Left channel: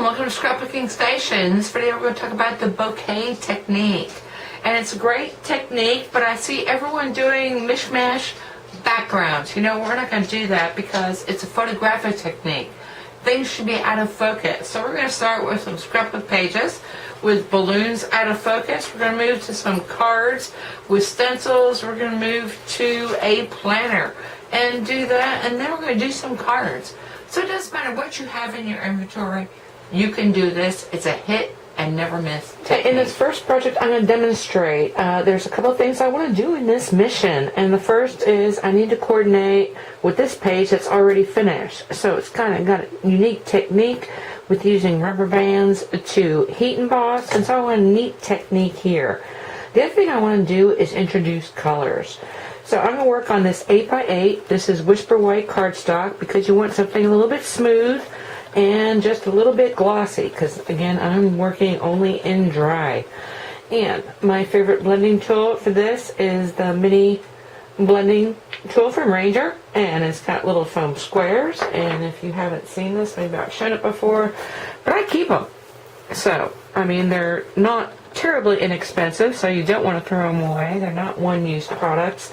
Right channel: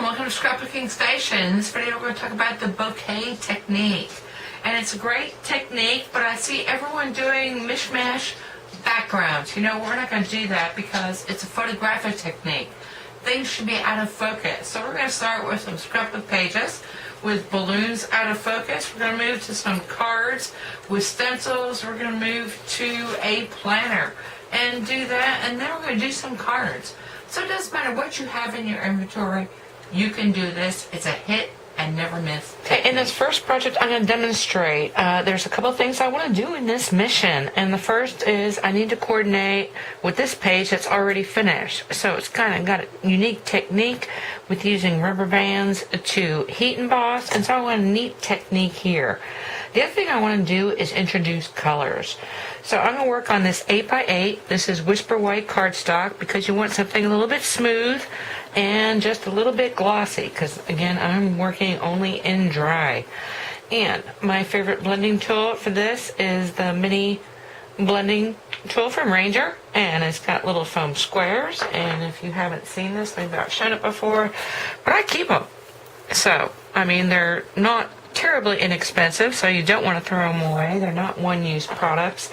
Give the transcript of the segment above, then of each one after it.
and welcome to Scrapbooking Station. In this video we're going to talk about the bokeh technique. And it's a great technique, but I see everyone doing mishmash backgrounds. You know, we're not going to do that because it's a photographic technique. Things should be out of focus. So we're going to start with some scrapbook pages with balloons out of focus. We're going to move to some cards with stencils. We're going to move to a planner and do that, and then we're going to do some cards. So it doesn't matter what you have in your inventory, you can do this. It's a hit and never miss technique. In this first project, I'm going to demonstrate. There's a couple of things I want to do in this mission, and the first is I need to coordinate with this page that's already finished. So it's kind of got a unique technique with using rubber bands to heat emboss, and so I want a neat technique here. The other thing I want to do is introduce colors. So I'm going to work on this 8x8. This is Whisper White cardstock because you want something a little bit smooth and just a little bit glossy because, again, I'm working only in dry. And my favorite blending tool for this is the mini blending tool from Ranger, and it's got little foam squares. And if you haven't seen this, maybe I've shown it before, but I keep them. So, I mean, they're not terribly inexpensive, so you don't want to throw them away. They're not one-use products,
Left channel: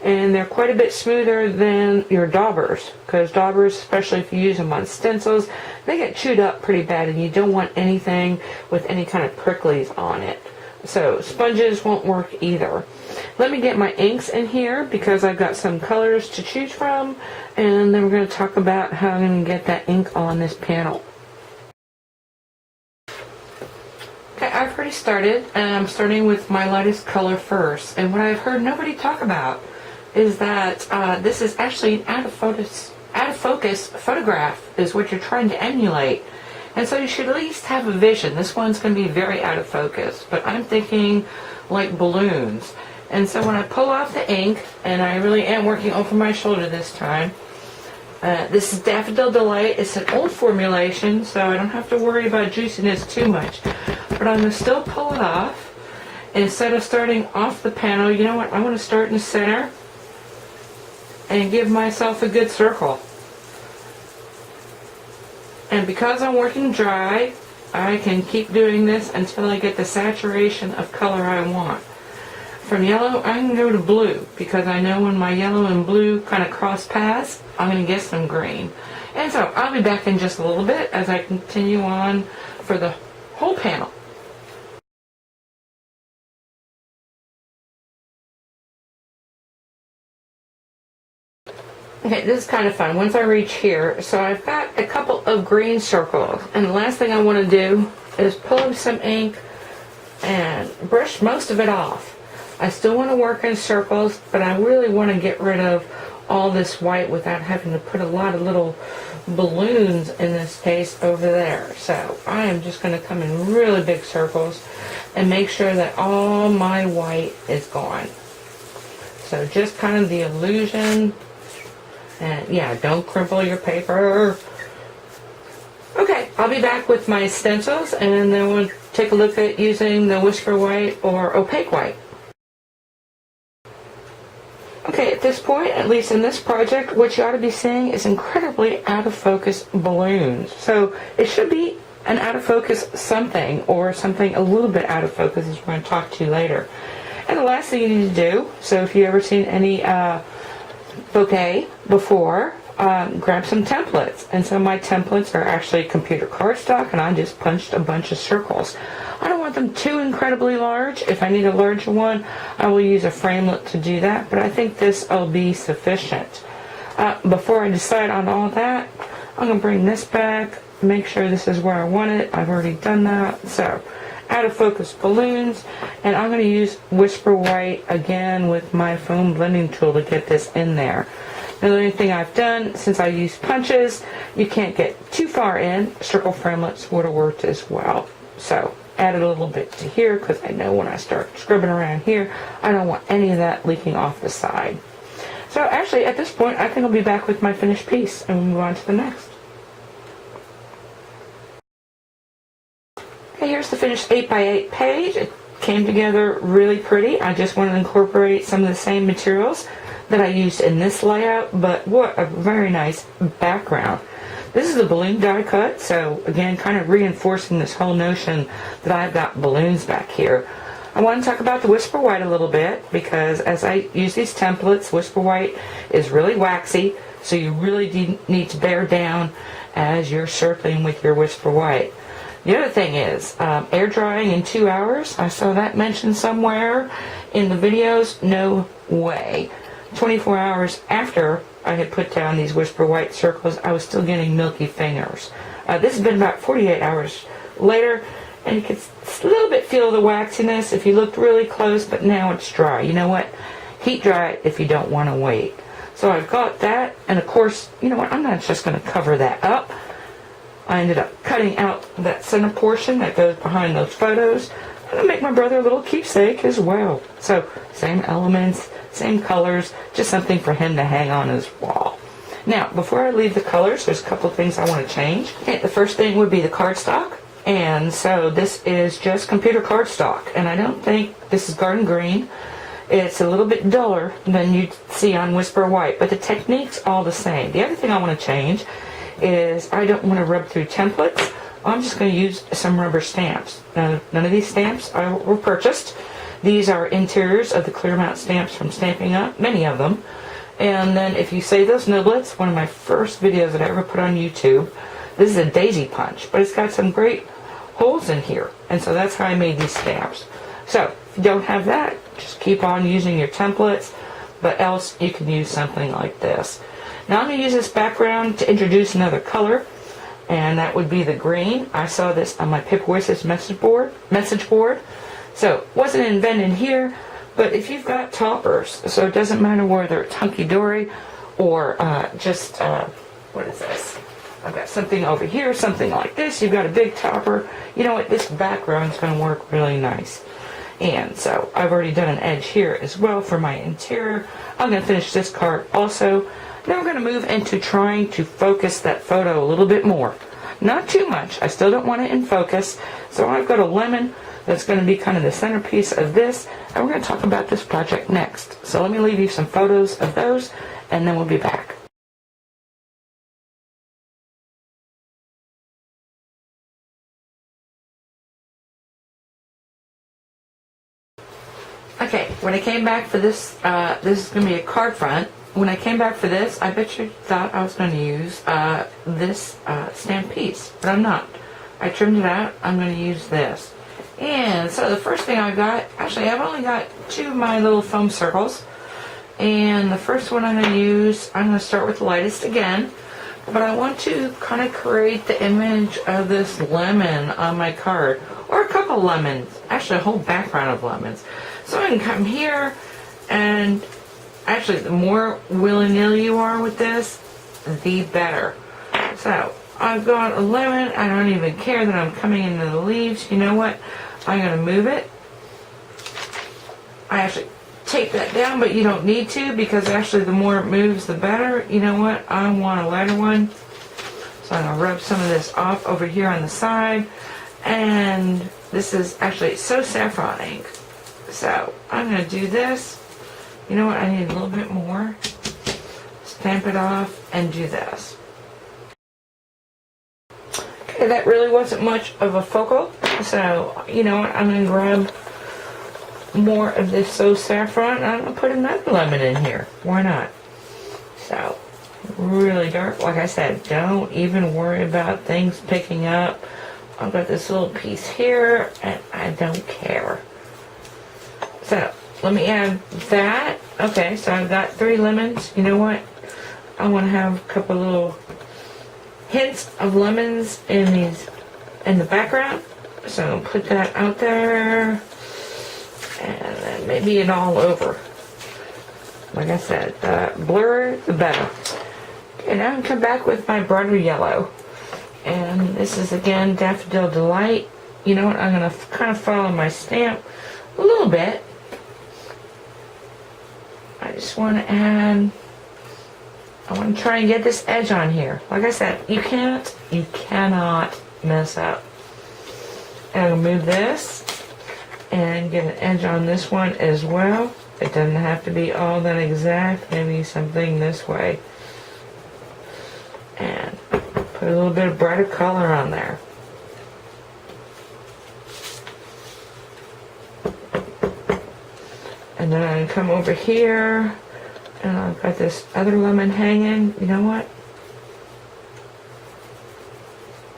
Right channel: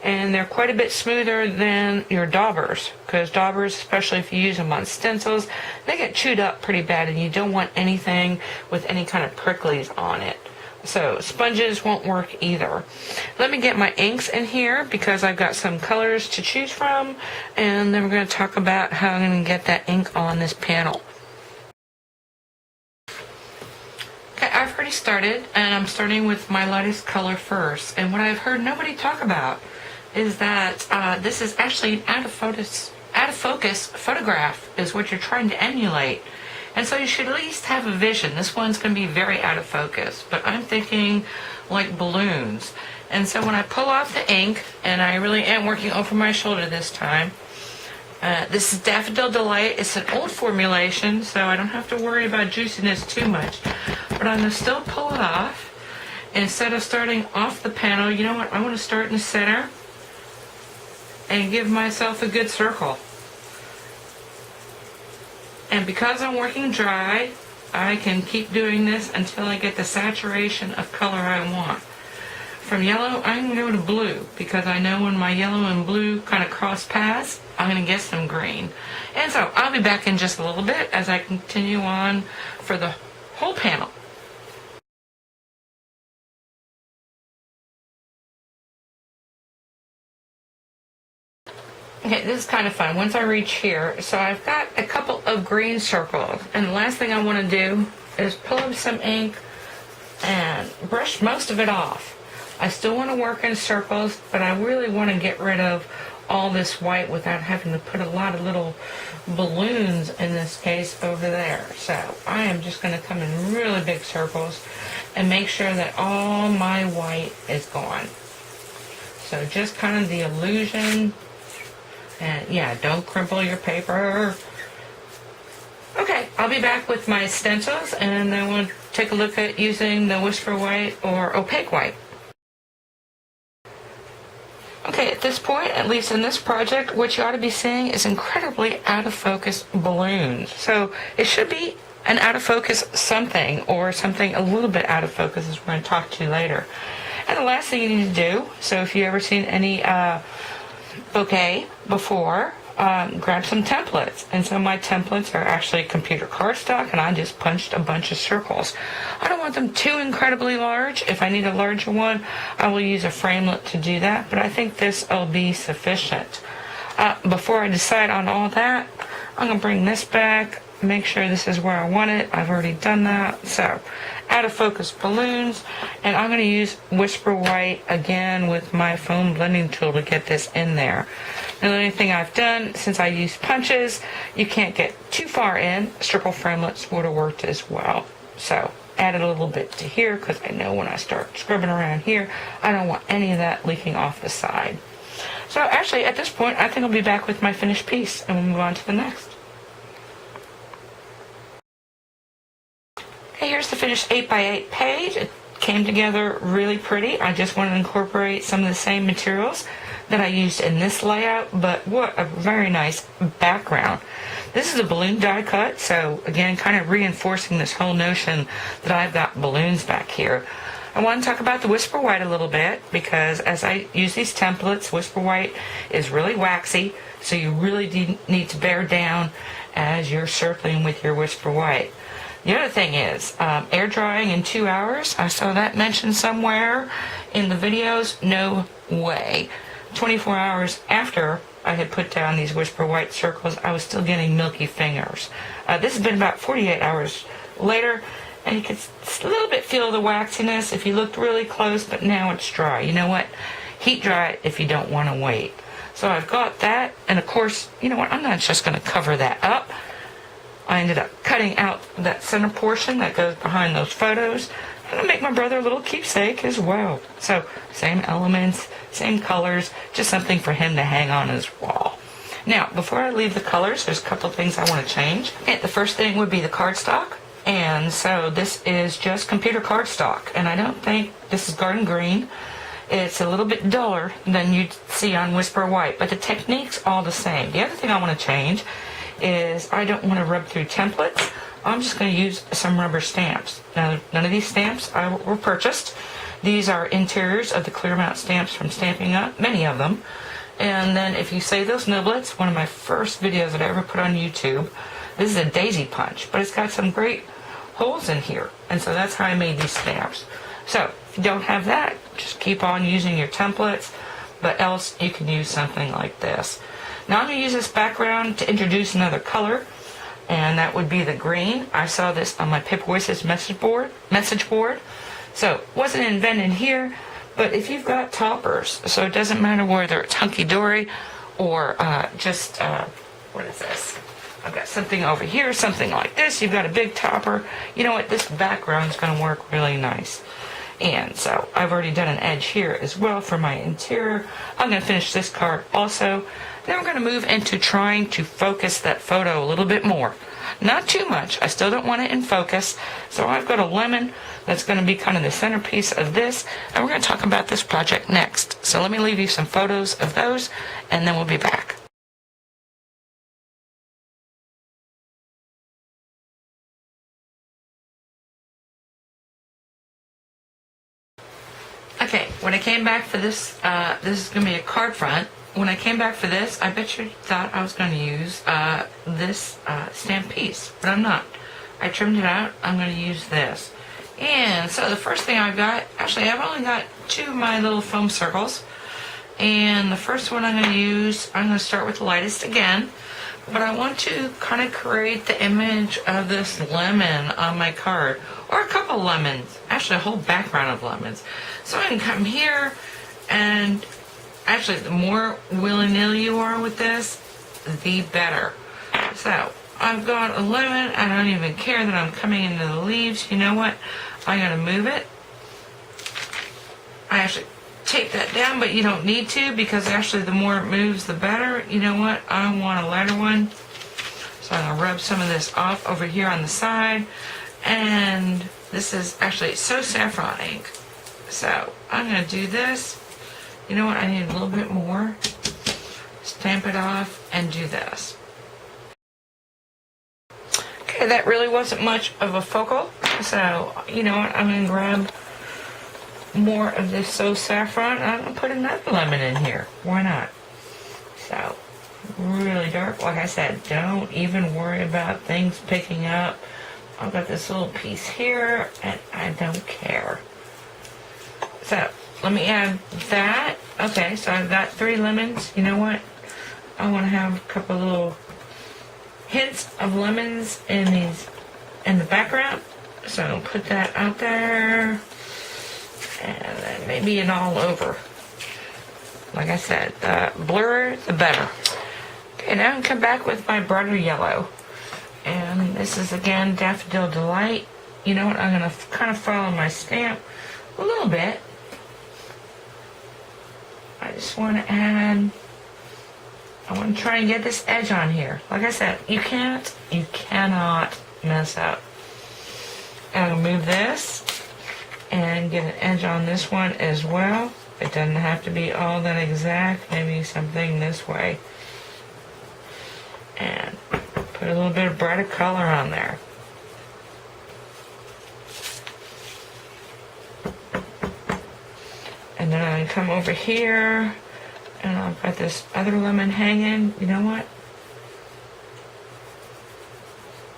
and they're quite a bit smoother than your daubers, because daubers, especially if you use them on stencils, they get chewed up pretty bad, and you don't want anything with any kind of pricklies on it. So sponges won't work either. Let me get my inks in here because I've got some colors to choose from, and then we're going to talk about how I'm going to get that ink on this panel. Okay, I've already started, and I'm starting with my lightest color first. And what I've heard nobody talk about is that this is actually an out of focus photograph is what you're trying to emulate. And so you should at least have a vision. This one's going to be very out of focus, but I'm thinking like balloons. And so when I pull off the ink, and I really am working over my shoulder this time, this is Daffodil Delight. It's an old formulation, so I don't have to worry about juiciness too much. But I'm going to still pull it off. And instead of starting off the panel, you know what? I want to start in the center and give myself a good circle. And because I'm working dry, I can keep doing this until I get the saturation of color I want. From yellow, I'm going to go to blue because I know when my yellow and blue kind of cross paths, I'm going to get some green. And so I'll be back in just a little bit as I continue on for the whole panel. Okay, this is kind of fun. Once I reach here, so I've got a couple of green circles, and the last thing I want to do is pull up some ink and brush most of it off. I still want to work in circles, but I really want to get rid of all this white without having to put a lot of little balloons, in this case, over there. So I am just going to come in really big circles and make sure that all my white is gone. So just kind of the illusion. And yeah, don't crumple your paper. Okay, I'll be back with my stencils, and then we'll take a look at using the Whisper White or Opaque White. Okay, at this point, at least in this project, what you ought to be seeing is incredibly out of focus balloons. So it should be an out of focus something, or something a little bit out of focus, as we're going to talk to later. And the last thing you need to do, so if you've ever seen any bokeh before, grab some templates. And so my templates are actually computer cardstock, and I just punched a bunch of circles. I don't want them too incredibly large. If I need a larger one, I will use a framelit to do that, but I think this will be sufficient. Before I decide on all that, I'm going to bring this back, make sure this is where I want it. I've already done that. So out of focus balloons, and I'm going to use Whisper White again with my foam blending tool to get this in there. Now, the only thing I've done, since I use punches, you can't get too far in. Circle framelits would have worked as well. So added a little bit to here because I know when I start scribbling around here, I don't want any of that leaking off the side. So actually, at this point, I think I'll be back with my finished piece, and we'll move on to the next. Okay, here's the finished 8x8 page. It came together really pretty. I just wanted to incorporate some of the same materials that I used in this layout, but what a very nice background. This is a balloon die cut, so again, kind of reinforcing this whole notion that I've got balloons back here. I want to talk about the Whisper White a little bit, because as I use these templates, Whisper White is really waxy, so you really need to bear down as you're circling with your Whisper White. The other thing is, air drying in 2 hours. I saw that mentioned somewhere in the videos. No way. 24 hours after I had put down these Whisper White circles, I was still getting milky fingers. This has been about 48 hours later, and you can a little bit feel the waxiness if you looked really close, but now it's dry. You know what? Heat dry it if you don't want to wait. So I've got that, and of course, you know what? I'm not just going to cover that up. I ended up cutting out that center portion that goes behind those photos. I'm going to make my brother a little keepsake as well. So, same elements, same colors, just something for him to hang on his wall. Now, before I leave the colors, there's a couple things I want to change. Okay, the first thing would be the cardstock. And so this is just computer cardstock. And I don't think this is garden green. It's a little bit duller than you'd see on Whisper White, but the technique's all the same. The other thing I want to change is I don't want to rub through templates. I'm just going to use some rubber stamps. Now, none of these stamps were purchased. These are interiors of the clear amount stamps from Stamping Up, many of them. And then if you save those niblets, one of my first videos that I ever put on YouTube, this is a daisy punch, but it's got some great holes in here. And so that's how I made these stamps. So if you don't have that, just keep on using your templates, but else you can use something like this. Now I'm going to use this background to introduce another color, and that would be the green. I saw this on my Paper Voices message board. So it wasn't invented here, but if you've got toppers, so it doesn't matter whether it's hunky-dory or what is this? I've got something over here, something like this. You've got a big topper. You know what? This background is going to work really nice. And so I've already done an edge here as well for my interior. I'm going to finish this card also. Then we're going to move into trying to focus that photo a little bit more. Not too much. I still don't want it in focus. So I've got a lemon that's going to be kind of the centerpiece of this. And we're going to talk about this project next. So let me leave you some photos of those, and then we'll be back. Okay, when I came back for this, this is going to be a card front. When I came back for this, I bet you thought I was going to use this stamp piece, but I'm not. I trimmed it out. I'm going to use this. And so the first thing I got, actually I've only got 2 of my little foam circles. And the first one I'm going to use, I'm going to start with the lightest again. But I want to kind of create the image of this lemon on my card. Or a couple lemons. Actually a whole background of lemons. So I can come here, and actually the more willy-nilly you are with this, the better. So I've got a lemon. I don't even care that I'm coming into the leaves. You know what? I'm going to move it. I actually take that down, but you don't need to, because actually the more it moves, the better. You know what? I want a lighter one. So I'm going to rub some of this off over here on the side. And this is actually so saffron ink. So I'm going to do this. You know what? I need a little bit more. Stamp it off and do this. Okay, that really wasn't much of a focal. So, you know what? I'm going to grab more of this So Saffron. I'm going to put another lemon in here. Why not? So, really dark. Like I said, don't even worry about things picking up. I've got this little piece here, and I don't care. So, let me add that. Okay, so I've got 3 lemons. You know what? I want to have a couple little hints of lemons in the background. So I'm going to put that out there. And then maybe it all over. Like I said, the blurrer, the better. Okay, now I can come back with my brighter yellow. And this is, again, Daffodil Delight. You know what? I'm going to kind of follow my stamp a little bit. I just want to add... I want to try and get this edge on here. Like I said, you cannot mess up. And I'll move this and get an edge on this one as well. It doesn't have to be all that exact. Maybe something this way. And Put a little bit of brighter color on there. And then I come over here, and I've got this other lemon hanging. You know what?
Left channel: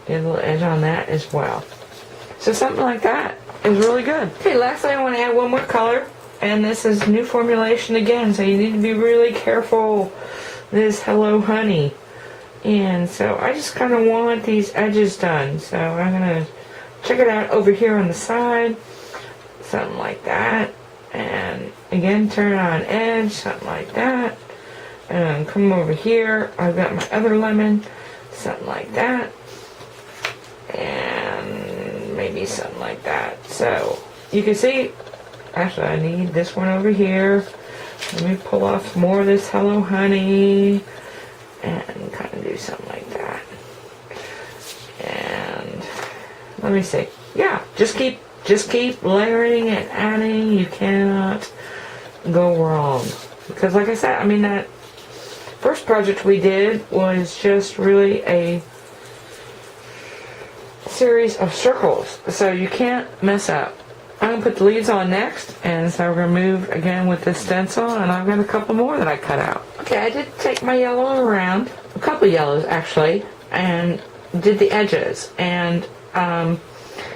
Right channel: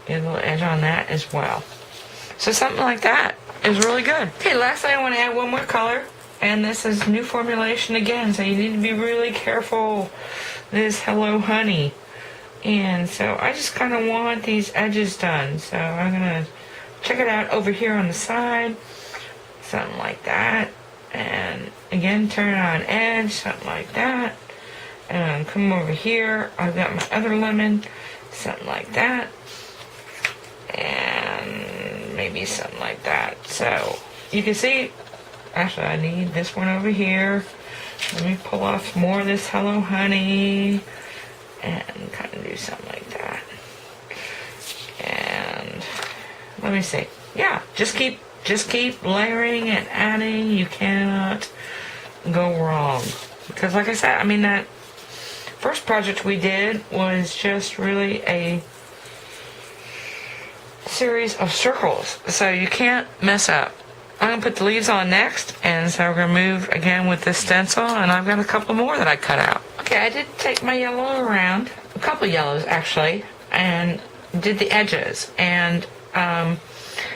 Get a little edge on that as well. So something like that is really good. Okay, lastly I want to add one more color, and this is new formulation again, so you need to be really careful. This Hello Honey. And so I just kind of want these edges done. So I'm going to check it out over here on the side. Something like that. And again, turn it on edge, something like that. And come over here. I've got my other lemon, something like that. And maybe something like that. So you can see, actually I need this one over here. Let me pull off more of this Hello Honey and kind of do something like that. And let me see. Yeah, just keep layering and adding. You cannot go wrong. Because like I said, I mean, that first project we did was just really a series of circles. So you can't mess up. I'm going to put the leaves on next, and so we're going to move again with this stencil, and I've got a couple more that I cut out. Okay, I did take my yellow around, a couple yellows actually, and did the edges. And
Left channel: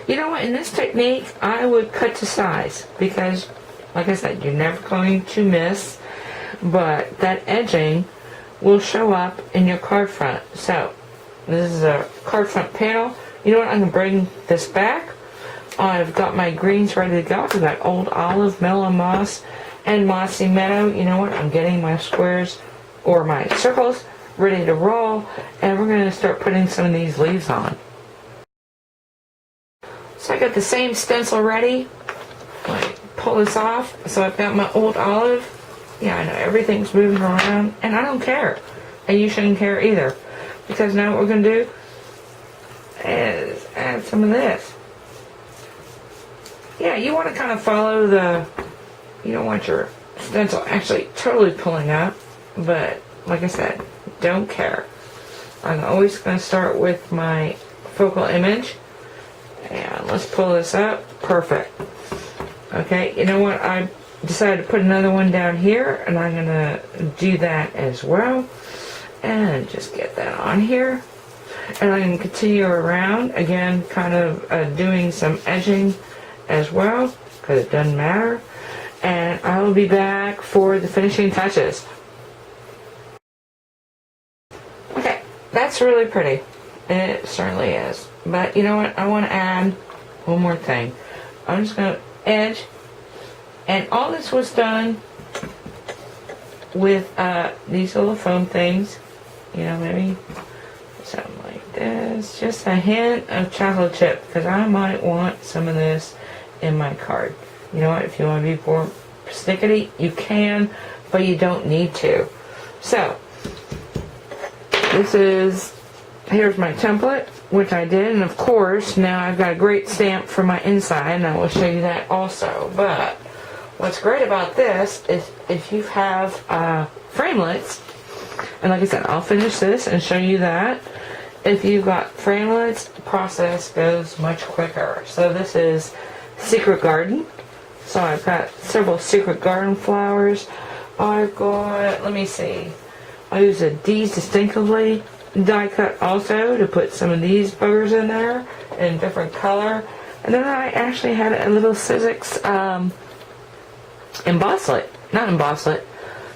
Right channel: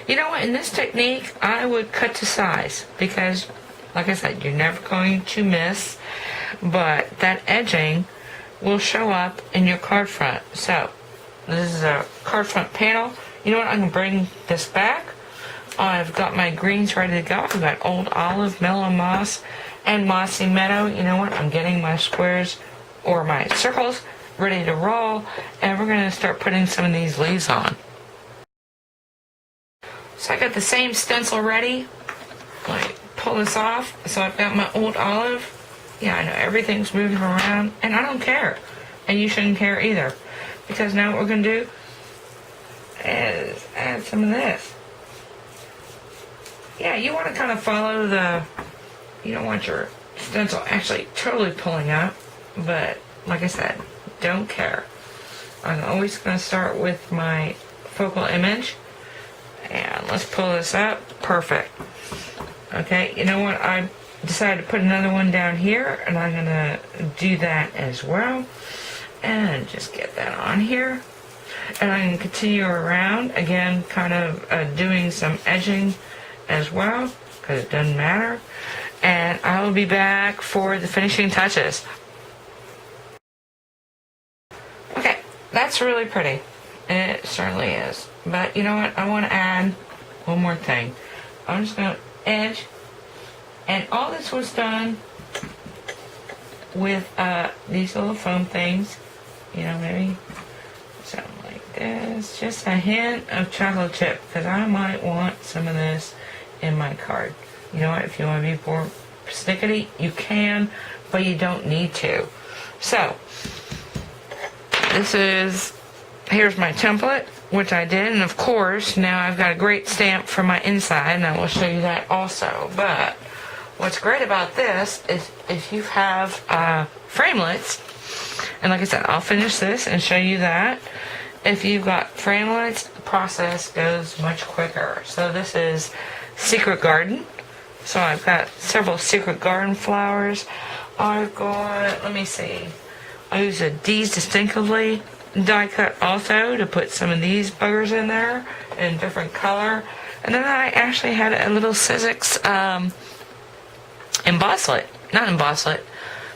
you know what, in this technique, I would cut to size, because like I said, you're never going to miss, but that edging will show up in your card front. So this is a card front panel. You know what, I'm going to bring this back. I've got my greens ready to go. I've got Old Olive, Mellow Moss, and Mossy Meadow. You know what? I'm getting my squares or my circles ready to roll, and we're going to start putting some of these leaves on. So I got the same stencil ready. Like, pull this off. So I've got my Old Olive. Yeah, I know everything's moving around, and I don't care. And you shouldn't care either. Because now what we're going to do is add some of this. Yeah, you want to kind of follow the, you don't want your stencil actually totally pulling up, but like I said, don't care. I'm always going to start with my focal image, and let's pull this up. Perfect. Okay, you know what, I decided to put another one down here, and I'm going to do that as well, and just get that on here. And I'm going to continue around, again, kind of doing some edging as well, because it doesn't matter. And I will be back for the finishing touches. Okay, that's really pretty. It certainly is. But you know what? I want to add one more thing. I'm just going to edge. And all this was done with these little foam things. You know, maybe something like this. Just a hint of chocolate chip, because I might want some of this in my card. You know what, if you want to be more persnickety, you can, but you don't need to. So here's my template, which I did, and of course now I've got a great stamp for my inside, and I will show you that also. But what's great about this is if you have framelits, and like I said, I'll finish this and show you that. If you've got framelits, the process goes much quicker. So this is Secret Garden. So I've got several Secret Garden flowers. I've got, let me see, I use a D's Distinctively die cut also to put some of these buggers in there in different color. And then I actually had a little Sizzix embosslet, not embosslet,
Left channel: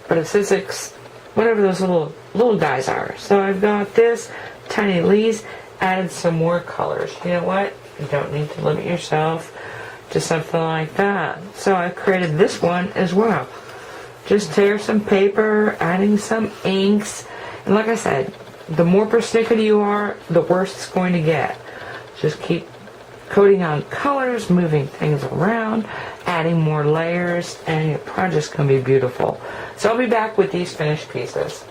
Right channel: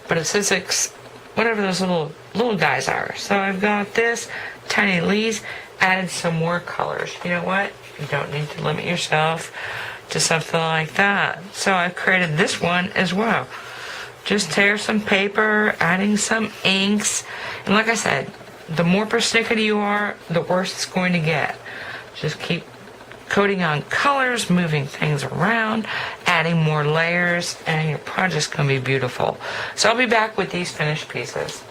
but a Sizzix, whatever those little guys are. So I've got this, tiny leaves, added some more colors. You know what? You don't need to limit yourself to something like that. So I created this one as well. Just tear some paper, adding some inks, and like I said, the more persnickety you are, the worse it's going to get. Just keep coating on colors, moving things around, adding more layers, and your project's going to be beautiful. So I'll be back with these finished pieces.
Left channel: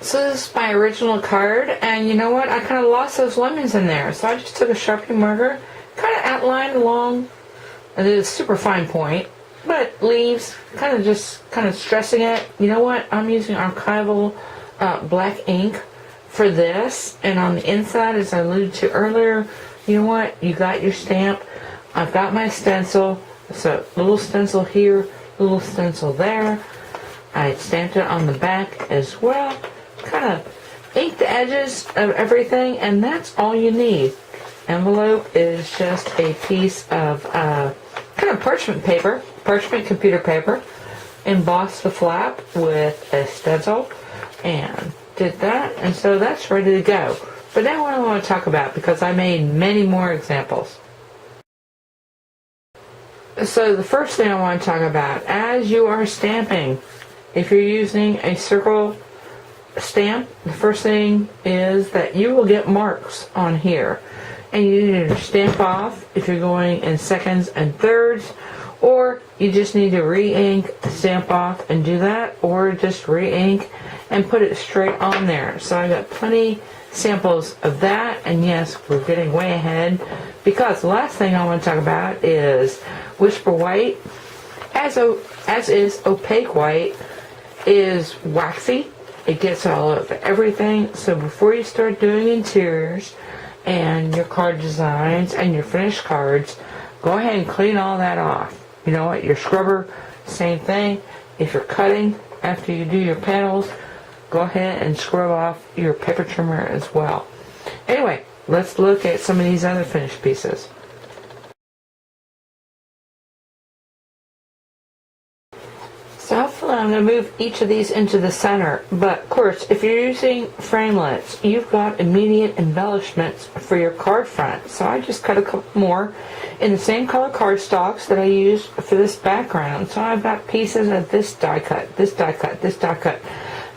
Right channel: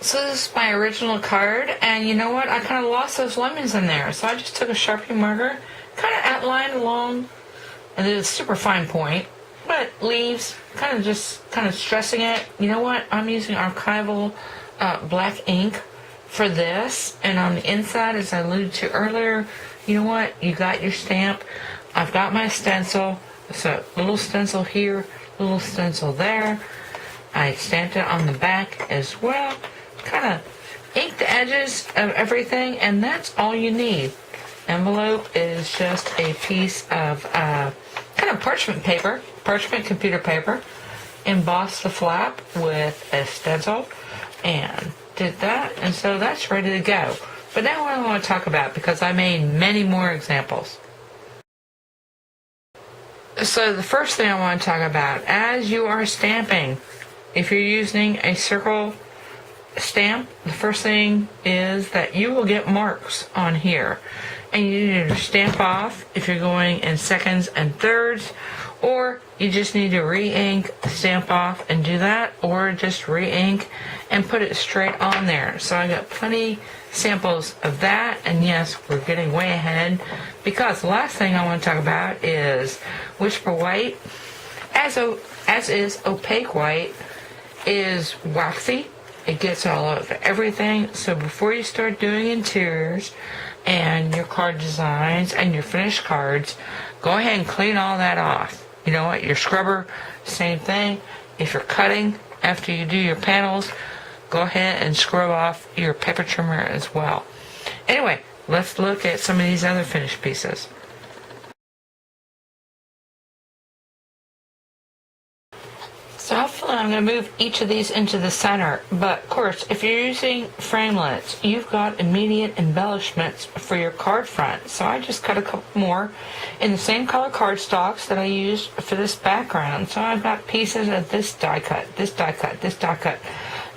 So this is my original card, and you know what? I kind of lost those lemons in there, so I just took a Sharpie marker, kind of outlined along, and it's a super fine point, but leaves, kind of stressing it. You know what? I'm using archival black ink for this, and on the inside, as I alluded to earlier, you know what? You got your stamp. I've got my stencil. So little stencil here, little stencil there. I stamped it on the back as well. Kind of ink the edges of everything, and that's all you need. Envelope is just a piece of kind of parchment paper, parchment computer paper. Embossed the flap with a stencil and did that, and so that's ready to go. But now what I want to talk about, because I made many more examples. So the first thing I want to talk about, as you are stamping, if you're using a circle stamp, the first thing is that you will get marks on here. And you need to stamp off if you're going in seconds and thirds, or you just need to re-ink, stamp off and do that, or just re-ink and put it straight on there. So I got plenty samples of that, and yes, we're getting way ahead, because the last thing I want to talk about is Whisper White. As is opaque white, is waxy. It gets all over everything. So before you start doing interiors and your card designs and your finished cards, go ahead and clean all that off. You know what? Your scrubber, same thing. If you're cutting after you do your panels, go ahead and scrub off your paper trimmer as well. Anyway, let's look at some of these other finished pieces. So hopefully I'm going to move each of these into the center, but of course if you're using framelits, you've got immediate embellishments for your card front. So I just cut a couple more in the same color cardstocks that I used for this background. So I've got pieces of this die cut, this die cut, this die cut,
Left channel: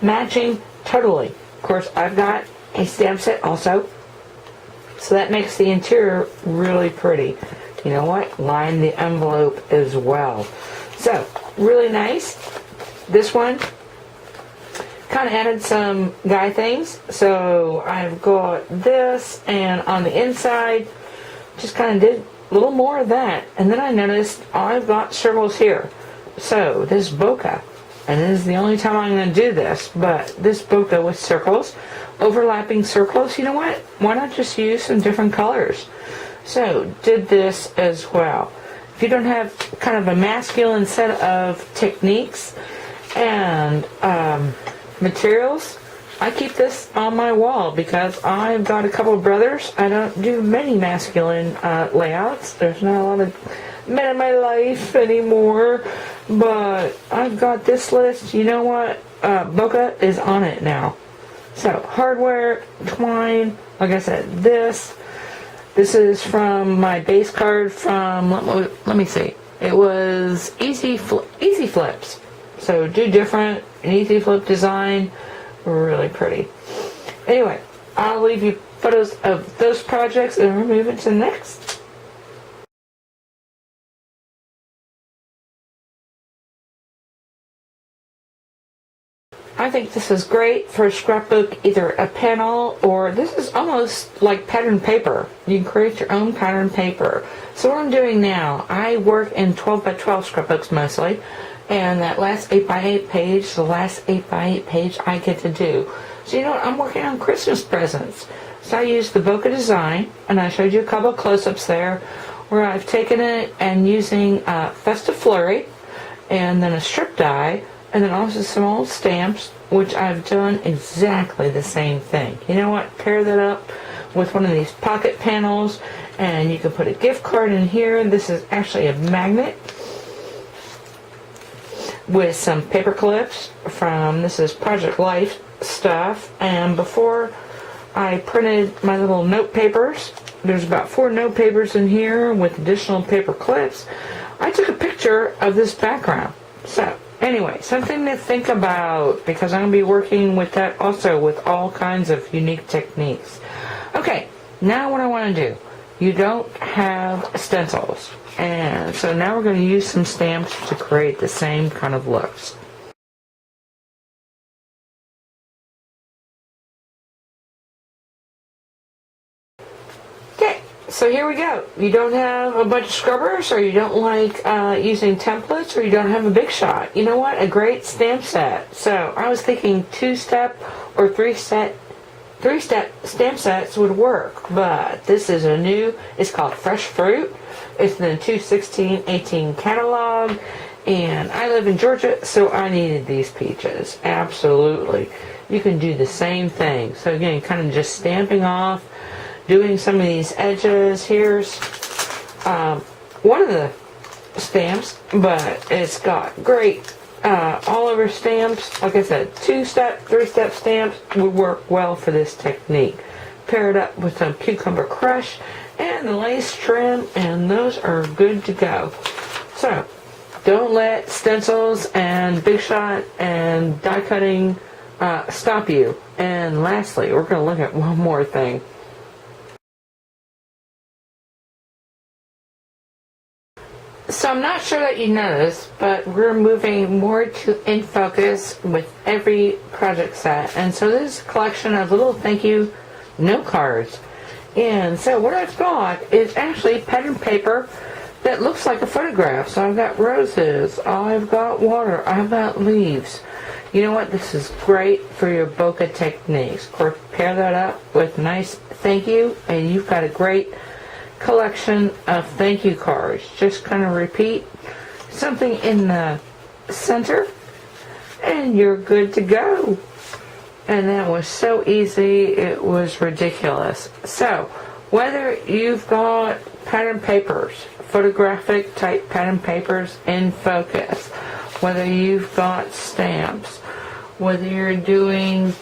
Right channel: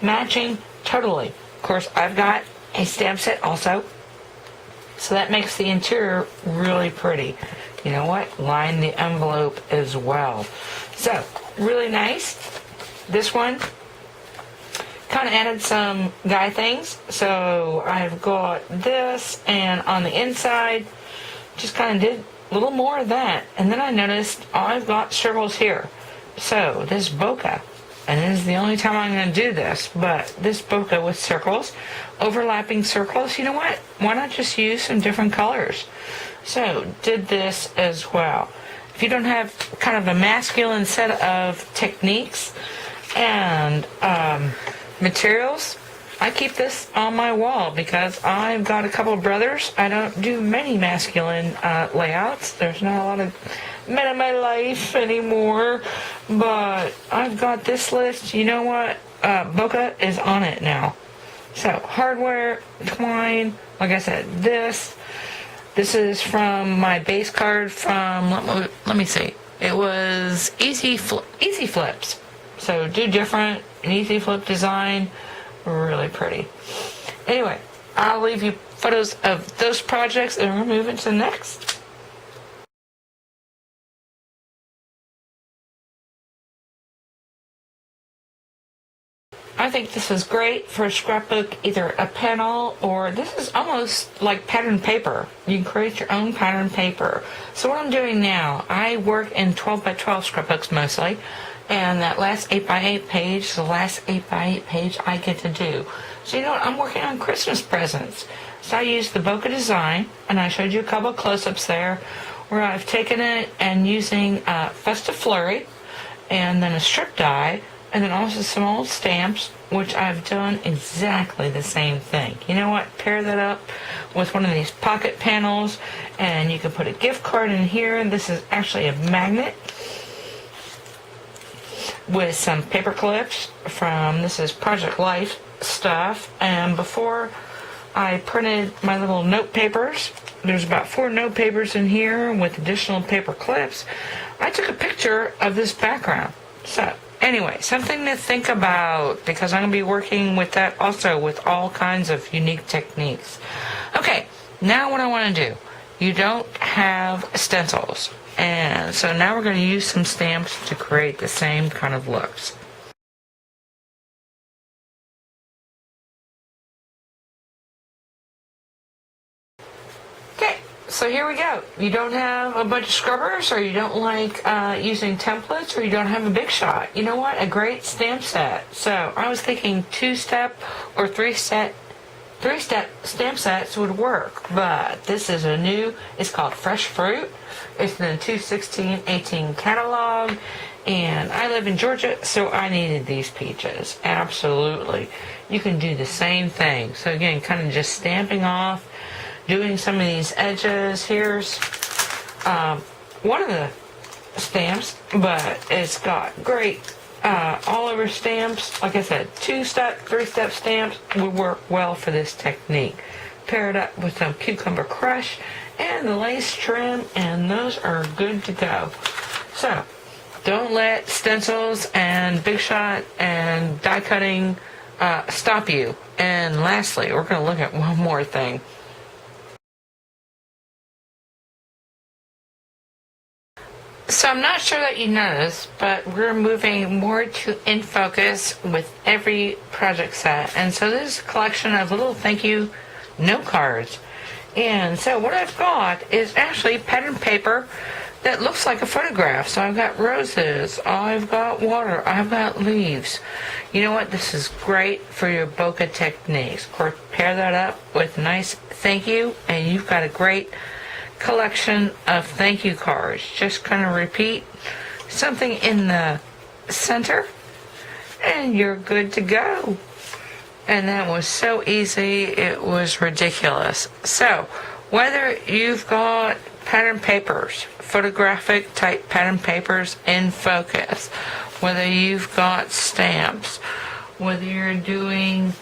matching totally. Of course I've got a stamp set also, so that makes the interior really pretty. You know what? Line the envelope as well. So, really nice. This one kind of added some guy things. So, I've got this, and on the inside, just kind of did a little more of that. And then I noticed I've got circles here. So, this bokeh, and this is the only time I'm going to do this, but this bokeh with circles, overlapping circles, you know what? Why not just use some different colors? So, did this as well. If you don't have kind of a masculine set of techniques and materials, I keep this on my wall because I've got a couple of brothers. I don't do many masculine layouts. There's not a lot of men in my life anymore, but I've got this list. You know what? Bokeh is on it now. So, hardware, twine, like I said, this. This is from my base card from, let me see, it was Easy Flips. So do different, an Easy Flip design, really pretty. Anyway, I'll leave you photos of those projects and we're moving to the next. I think this is great for a scrapbook, either a panel or this is almost like pattern paper. You can create your own pattern paper. So what I'm doing now, I work in 12 by 12 scrapbooks mostly, and that last 8 by 8 page, the last 8 by 8 page I get to do. So you know what, I'm working on Christmas presents. So I used the Bokeh design, and I showed you a couple of close-ups there, where I've taken it and using Festive Flurry, and then a strip die, and then also some old stamps, which I've done exactly the same thing. You know what? Pair that up with one of these pocket panels, and you can put a gift card in here. This is actually a magnet with some paper clips from, this is Project Life stuff. And before I printed my little note papers, there's about 4 note papers in here with additional paper clips. I took a picture of this background. So, anyway, something to think about, because I'm going to be working with that also with all kinds of unique techniques. Okay, now what I want to do. You don't have stencils, and so now we're going to use some stamps to create the same kind of looks. Okay, So here we go. You don't have a bunch of scrubbers, or you don't like using templates, or you don't have a big shot. You know what? A great stamp set. So I was thinking 2-step or 3-step stamp sets would work, but this is a new, it's called Fresh Fruit. It's in the 2/16/18 catalog, and I live in Georgia, so I needed these peaches. Absolutely. You can do the same thing. So again, kind of just stamping off, doing some of these edges. Here's one of the stamps, but it's got great all over stamps. Like I said, 2-step, 3-step stamps would work well for this technique. Pair it up with some cucumber crush and the lace trim, and those are good to go. So don't let stencils and big shot and die cutting stop you. And lastly, we're going to look at one more thing. So I'm not sure that you noticed, but we're moving more to in focus with every project set. And so this is a collection of little thank you note cards. And so what I've got is actually pattern paper that looks like a photograph. So I've got roses, I've got water, I've got leaves. You know what? This is great for your bokeh techniques. Of course, pair that up with nice thank you, and you've got a great collection of thank you cards. Just kind of repeat something in the center, and you're good to go. And that was so easy, it was ridiculous. So whether you've got pattern papers, photographic type pattern papers in focus, whether you've got stamps, whether you're doing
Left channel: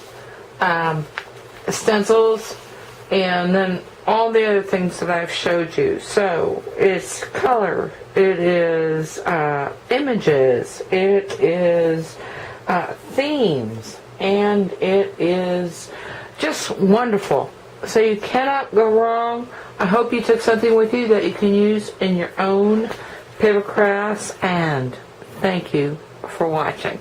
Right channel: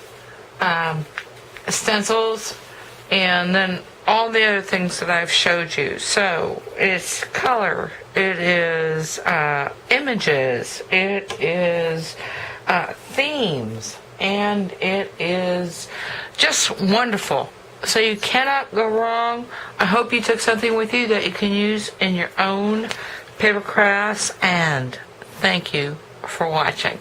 stencils, and then all the other things that I've showed you. So it's color, it is images, it is themes, and it is just wonderful. So you cannot go wrong. I hope you took something with you that you can use in your own paper crafts, and thank you for watching.